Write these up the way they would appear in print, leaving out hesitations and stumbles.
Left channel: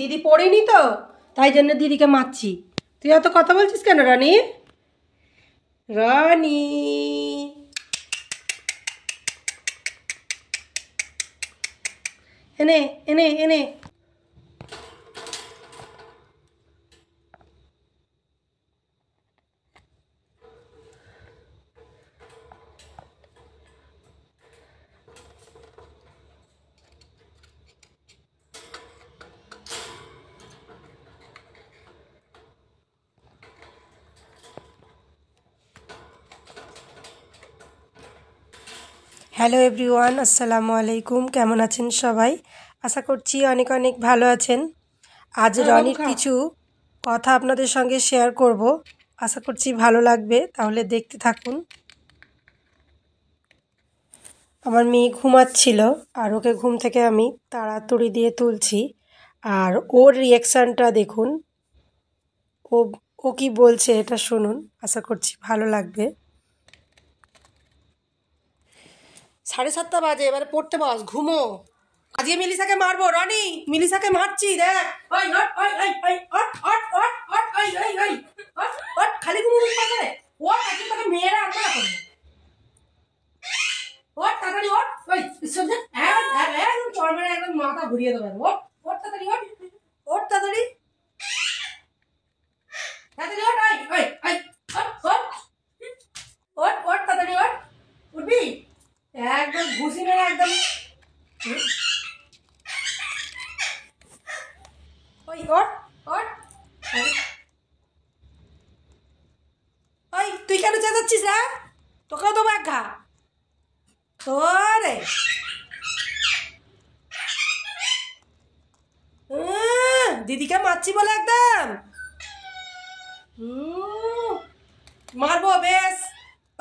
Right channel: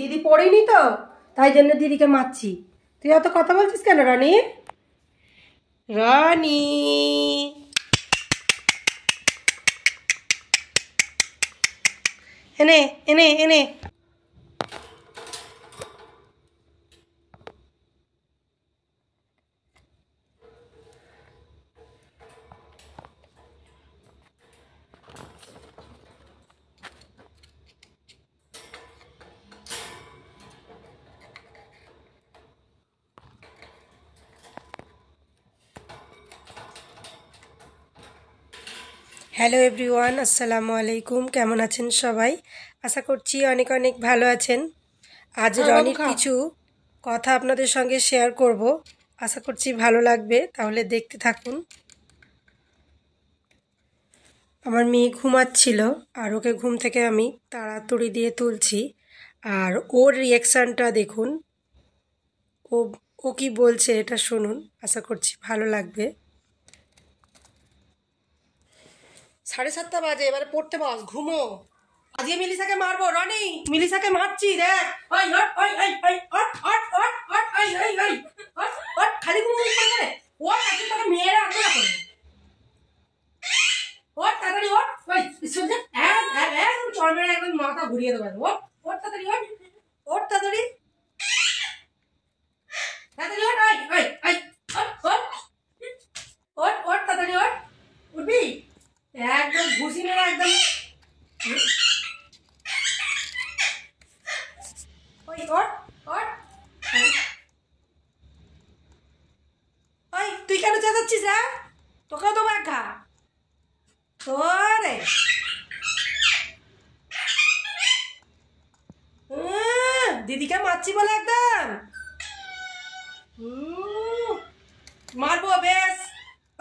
দিদি পড়েনি তো, তাই জন্য দিদিকে মারছি। তুই এত কথা বলছিস কেন রানী? রানী এনে এনে এনে হ্যালো এভরিওয়ান, আসসালামু আলাইকুম। কেমন আছেন সবাই? আশা করছি অনেক অনেক ভালো আছেন। আজ রনির কিছু কথা আপনাদের সঙ্গে শেয়ার করব, আশা করছি ভালো লাগবে, তাহলে দেখতে থাকুন। আমার মেয়ে ঘুমাচ্ছিল আর ওকে ঘুম থেকে আমি তাড়াতাড়ি দিয়ে তুলছি, আর ওর রিয়াকশানটা দেখুন। ও ও কি বলছে এটা শুনুন, আশা করছি ভালো লাগবে। 7:30 বাজে, এবারে পড়তে বস, ঘুমো। আজকে মিলিসাকে মারবো রানী, মিলিসাকে মারছি দেখ। ওই ওট ওই ওই ওই ওট ওট ওট ওট ওই ওই ওই ওট ওট, খালি ঘুমোস করে ও আজকে তোকে মেয়েরা আনতে না করবে। ওট তাড়াতাড়ি ওট, ওই সহ্য একদম চড়মেরা একদম মাথা ঘুরিয়ে দেবে। ওট ওট তাড়াতাড়ি ওট, ওট তাড়াতাড়ি তাড়াতাড়ি ওট, ওই ওই ওই ওট ওট ওট ওট তাড়াতাড়ি ওট, উঠবি একদম ঘুষি মেরে একদম। ওই ওট ওট, ওই তুই কেন চেঁচাচ্ছিস? হ্যাঁ, তোকেও তো বাঘা তোরে। দিদিকে মারছি বলে একদম মারবো বেশ।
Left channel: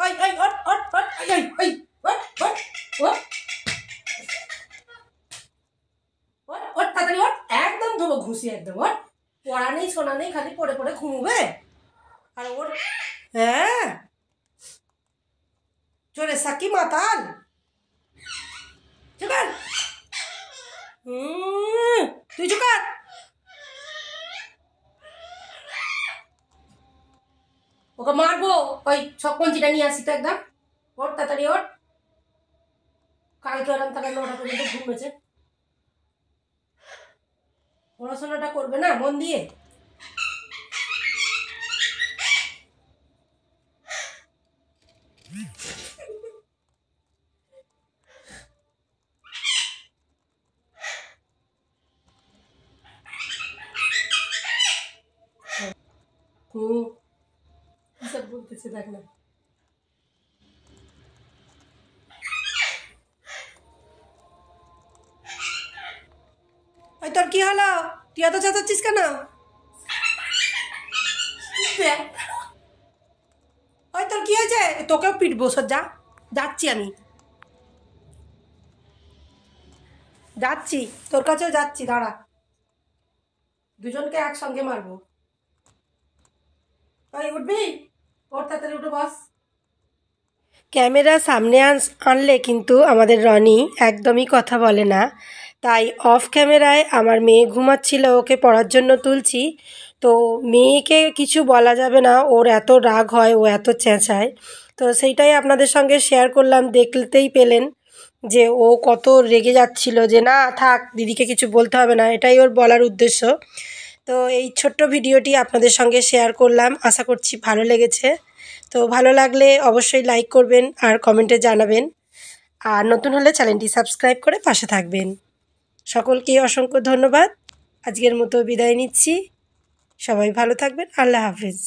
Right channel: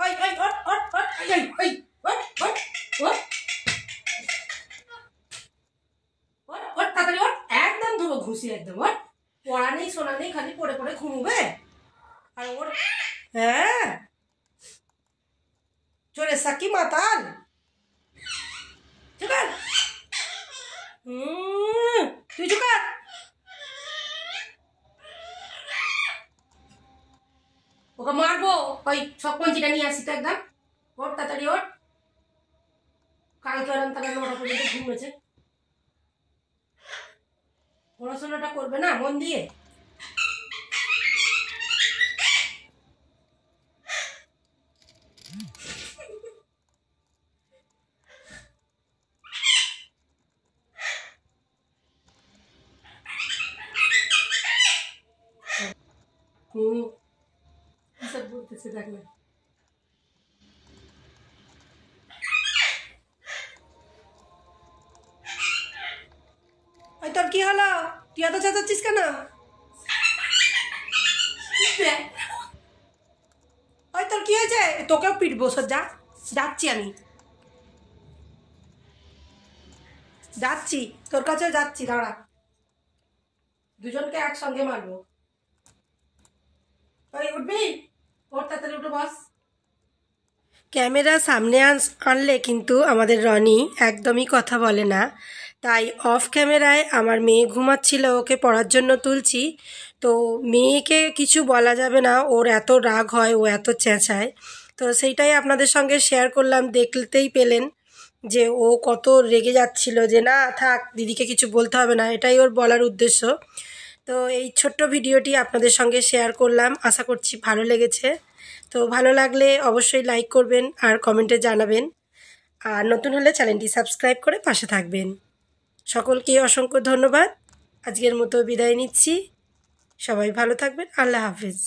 ওই ওই ওট ওট ওট ওই ওই ওট ওট ওট ওট ওট তাড়াতাড়ি ওট, একদম ধোবো ঘুষি একদম। ওট, পড়া নেই শোনা নেই, খালি পড়ে পড়ে ঘুমোবে। আর ওর হ্যাঁ চলে সাকি মাতাল চুকাল। তুই চুকাল। ওকে মারবো। ওই সব পঞ্চিটা নিয়ে আসি তো একদম। ওর তাড়াতাড়ি ওর, কালকে ওরম তারা 9টা পর্যন্ত ঘুমেছে। পড়াশোনাটা করবে না মন দিয়ে। সব বলতেছে দেখ না। ওই তোর কি হলো? তুই এত চেঁচাচ্ছিস কেন? ওই তোর কি হয়েছে? তোকেও পিটবো সজ্জা। যাচ্ছি আমি, যাচ্ছি তোর কাছেও যাচ্ছি, দাঁড়া, দুজনকে একসঙ্গে মারবো। ওই উঠবি? ওর তাড়াতাড়ি উঠে বস। ক্যামেরা সামনে আনলে কিন্তু আমাদের রনি একদমই কথা বলে না, তাই অফ ক্যামেরায় আমার মেয়ে ঘুমাচ্ছিল, ওকে পড়ার জন্য তুলছি। তো মেয়েকে কিছু বলা যাবে না, ওর এত রাগ হয়, ও এত চেঁচায়। তো সেইটাই আপনাদের সঙ্গে শেয়ার করলাম, দেখতেই পেলেন যে ও কত রেগে যাচ্ছিল যে না থাক, দিদিকে কিছু বলতে হবে না, এটাই ওর বলার উদ্দেশ্য। তো এই ছোট্ট ভিডিওটি আপনাদের সঙ্গে শেয়ার করলাম, আশা করছি ভালো লেগেছে। তো ভালো লাগলে অবশ্যই লাইক করবেন আর কমেন্টে জানাবেন, আর নতুন হলে চ্যানেলটি সাবস্ক্রাইব করে পাশে থাকবেন। সকলকে অসংখ্য ধন্যবাদ। আজকের মতো বিদায় নিচ্ছি। সবাই ভালো থাকবেন। আল্লাহ হাফিজ।